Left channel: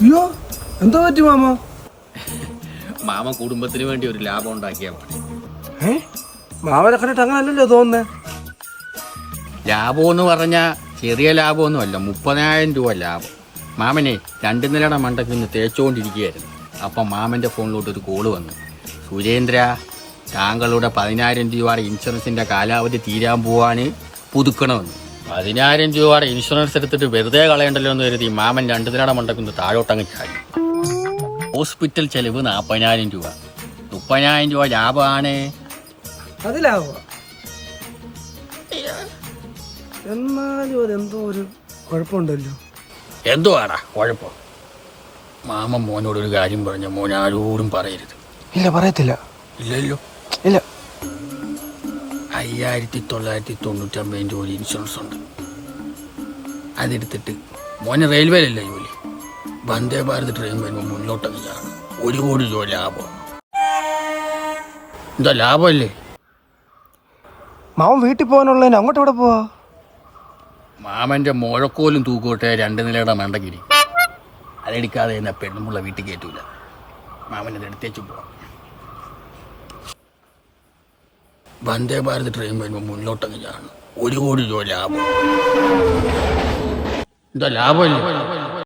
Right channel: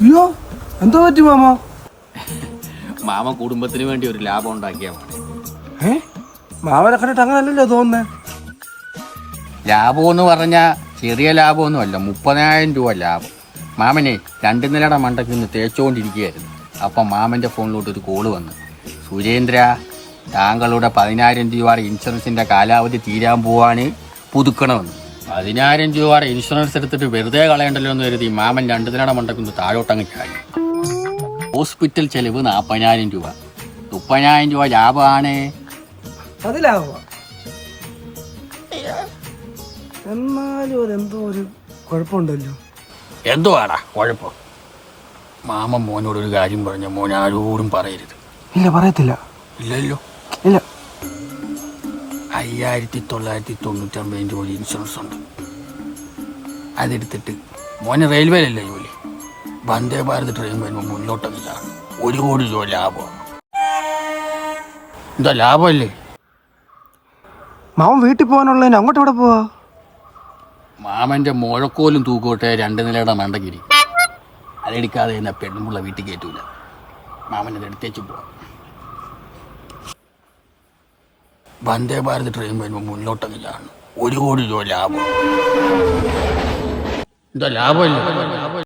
അയ്യോ എന്താ പറ്റി മാമ? മാമ കുടുംബത്തിന് വേണ്ടി ഒരു ലാഭം ഉണ്ടാക്കിയാ മതി. മാമനെ കണ്ടിട്ട് അങ്ങനല്ലല്ലോ തോന്നുന്നേ. ലാഭം എന്ന് പറഞ്ഞാൽ ചെറിയ ലാഭമൊന്നും അല്ല, 30,000 രൂപ ലാഭം. മാമനെ 2 നിലയുടെ മണ്ടയ്ക്ക് നിന്ന് തേച്ചുകൊണ്ടിരിക്കുകയായിരുന്നു. അപ്പം മാമൻ്റെ ഫോണിലോട്ട് ഒരു കോള് വന്നു. സുരേന്ദ്ര, താങ്കളുടെ 10,000 രൂപയുടെ ഇൻഷുറൻസിൻ്റെ കാലാവധി തീരാൻ പോവാണ്, പുതുക്കണമെന്ന്. 10,000 രൂപയുടെ ഇൻഷുറൻസ് എടുത്തിട്ട് വെറുതെ കളയണ്ടല്ലോ എന്ന് കരുതി മാമൻ 2 നിലയുടെ മണ്ടയ്ക്ക് നിന്ന് താഴോട്ടങ്ങ് ചാടി. ഹോസ്പിറ്റൽ ചെലവ് 40,000 രൂപ. 30,000 രൂപ ലാഭമാണ്. അതിലാവുക എന്നാലും അതെന്തോ ഒരു കുഴപ്പമുണ്ടല്ലോ. എന്തുവാടാ കുഴപ്പം? മാമൻ മോനോട് ഒരു കാര്യം പറഞ്ഞ മോൻ ആരോടും പറയരുത്. ഇല്ല, പറയത്തില്ല. ഇല്ലല്ലോ. ഇല്ല. 5,999 രൂപ ഇൻഷുറൻസ് ഉണ്ട്. അതെടുത്തിട്ട് മോന് റെയിൽവേയിലല്ലേ ജോലി, വന്ദേ ഭാരത് ട്രെയിൻ വരുമ്പോൾ മുന്നോട്ടങ്ങ് ചാടും. 1 കോടി രൂപ ലാഭം. എന്താ ലാഭമല്ലേ? മാമൻ വീട്ടിൽ പോകാനുള്ളതിന് അങ്ങോട്ട് എവിടെ പോവാ? മാമന്റെ മുഴക്കോലും തൂക്കോട്ടെ 2 നിലയുടെ മണ്ടക്കിരി. അതെടുക്കാതെ തന്നെ പെണ്ണുമുള്ള വീട്ടിൽ കയറ്റൂല. മാമനത് എടുത്തേച്ചും പോവാം. വന്ദേ ഭാരത് ട്രെയിൻ വരുമ്പോൾ മുന്നോട്ടങ്ങ് ചാടണം. 1 കോടി രൂപ ലാഭം. എന്താ ലാഭമല്ലേ?